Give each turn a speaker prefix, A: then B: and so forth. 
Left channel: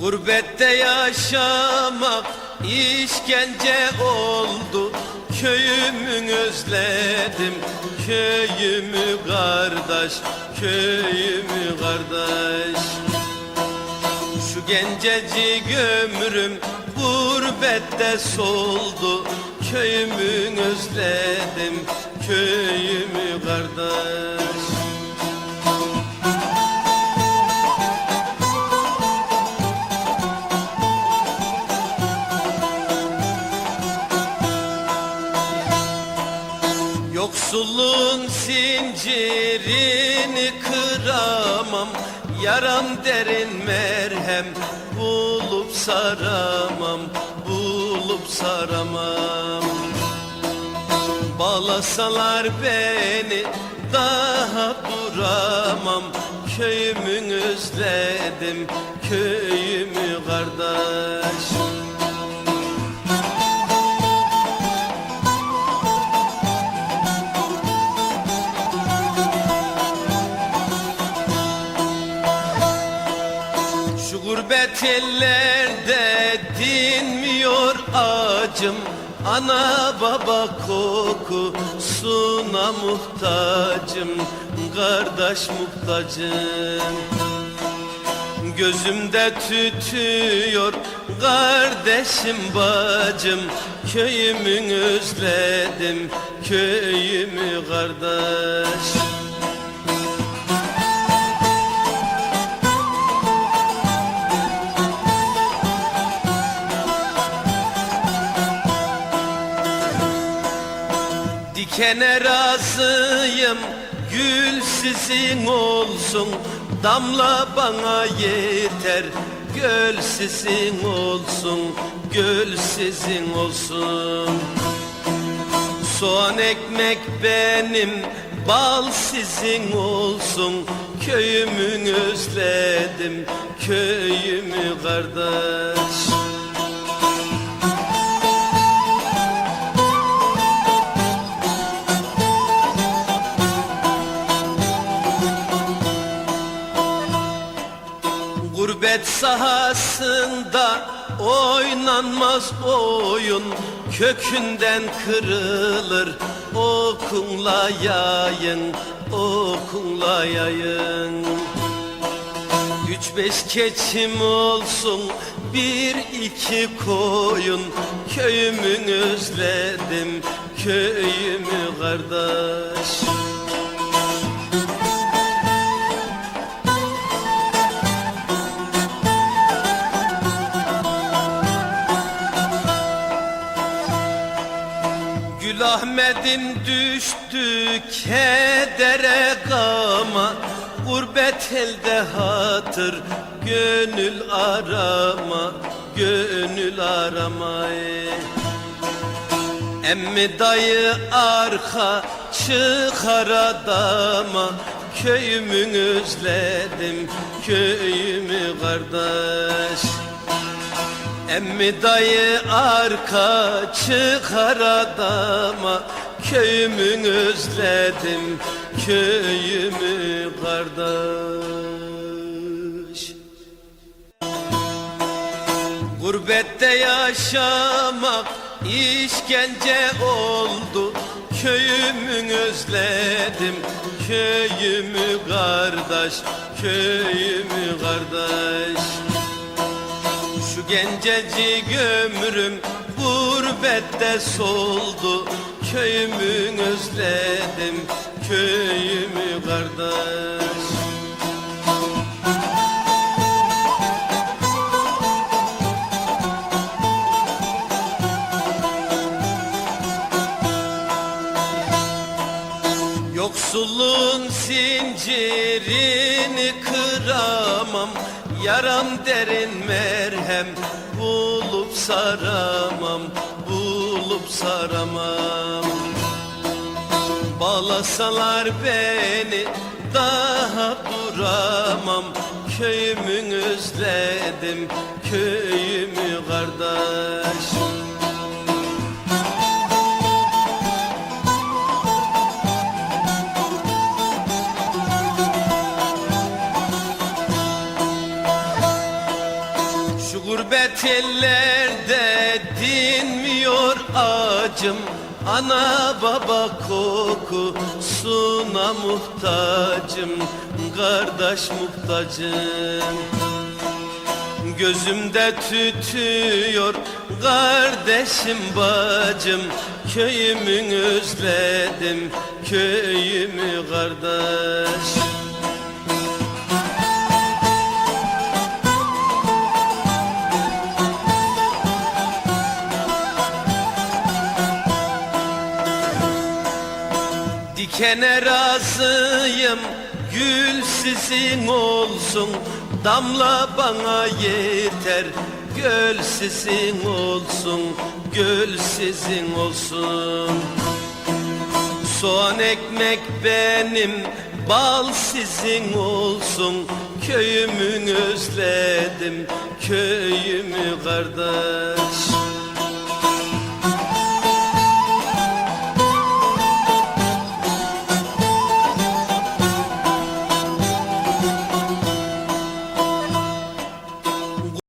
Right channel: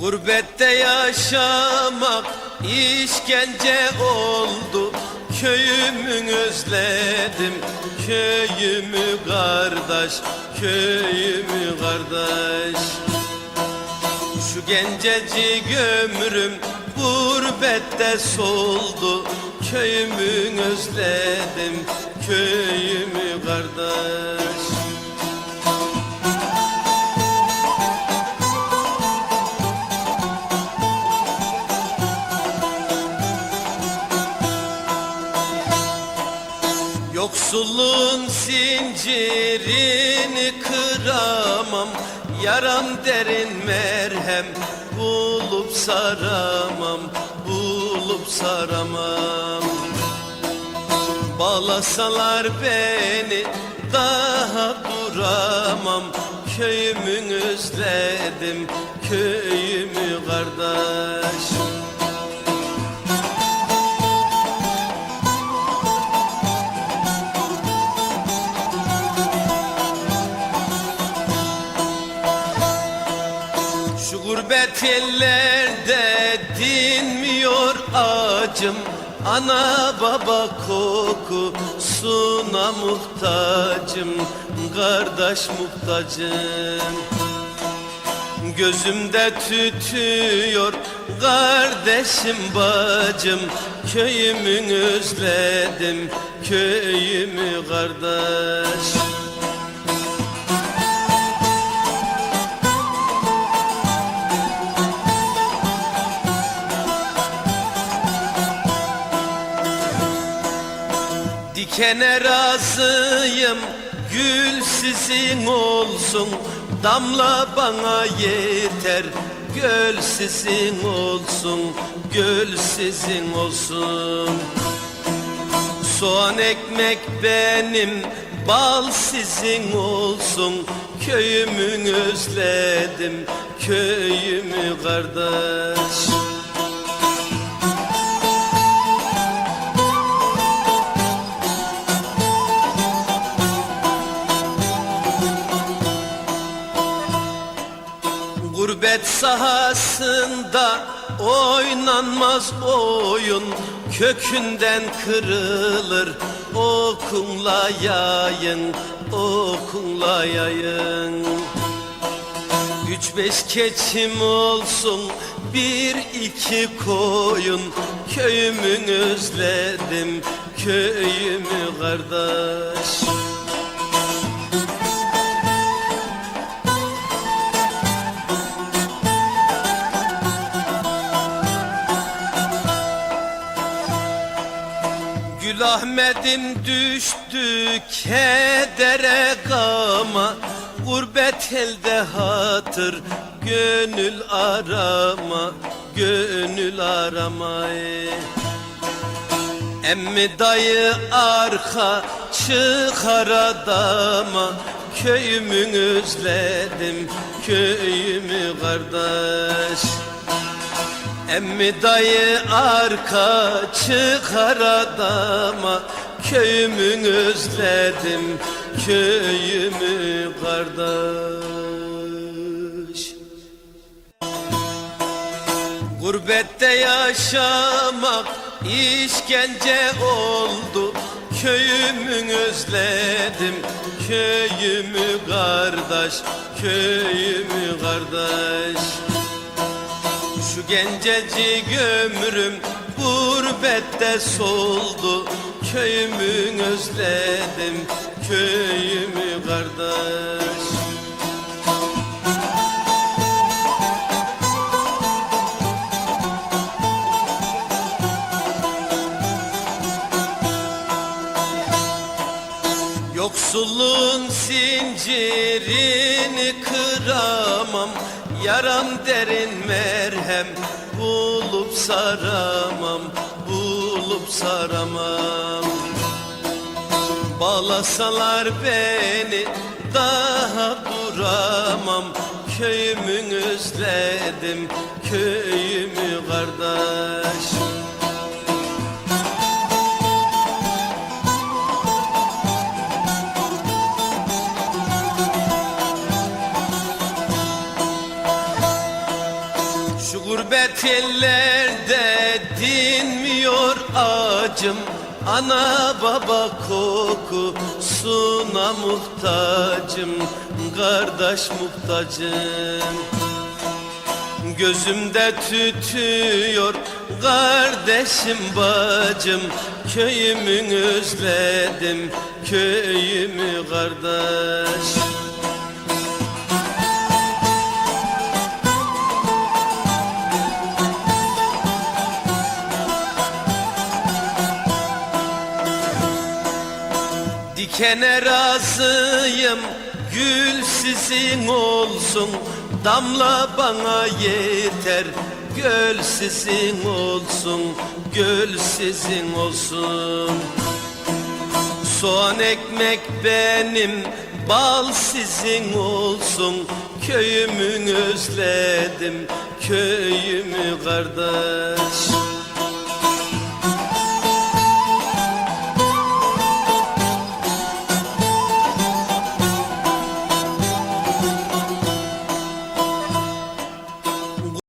A: Gurbette yaşamak işkence oldu. Köyümü özledim Köyümü kardeş Köyümü kardeş. Şu gencecik ömrüm gurbette soldu. Köyümü özledim Köyümü kardeş Yoksulluğun zincirini kıramam. Yaram derin merhem bulup saramam Bulup saramam. Bağlasalar beni daha duramam. Köyümü özledim köyümü kardeş gurbet ellerde dinmiyor acım. Ana baba kokusuna muhtacım. Kardeş muhtacım. Gözümde tütüyor kardeşim bacım. Köyümü özledim köyümü kardeş Dikene razıyım gül sizin olsun. Damla bana yeter göl sizin olsun Göl sizin olsun. Soğan ekmek benim bal sizin olsun. Köyümü özledim köyümü kardeş Gurbet sahasında oynanmaz oyun. Kökünden kırılır okunla yayın Okunla yayın. Üç beş keçim olsun bir iki koyun. Köyümün özledim köyümü kardeş Gül Ahmet'im düştü kedere gama. Gurbet elde hatır gönül arama Gönül arama. Emmi dayı arka çıkar adama. Köyümü özledim köyümü kardeş Emmi dayı arka çıkar adama Köyümü özledim köyümü kardeş. Gurbette yaşamak işkence oldu. Köyümü özledim köyümü kardeş Köyümü kardeş gencecik ömrüm gurbette soldu. Köyümü özledim köyümü kardeş. Yoksulluğun zincirini kıramam Yaram derin merhem bulup saramam Bulup saramam. Bağlasalar beni daha duramam Köyümü özledim köyümü kardeş Gurbet ellerde dinmiyor acım. Ana baba kokusuna muhtacım. Kardeş muhtacım. Gözümde tütüyor kardeşim bacım. Köyümü özledim köyümü kardeş Dikene razıyım gül sizin olsun. Damla bana yeter göl sizin olsun Göl sizin olsun. Soğan ekmek benim bal sizin olsun. Köyümü özledim köyümü kardeş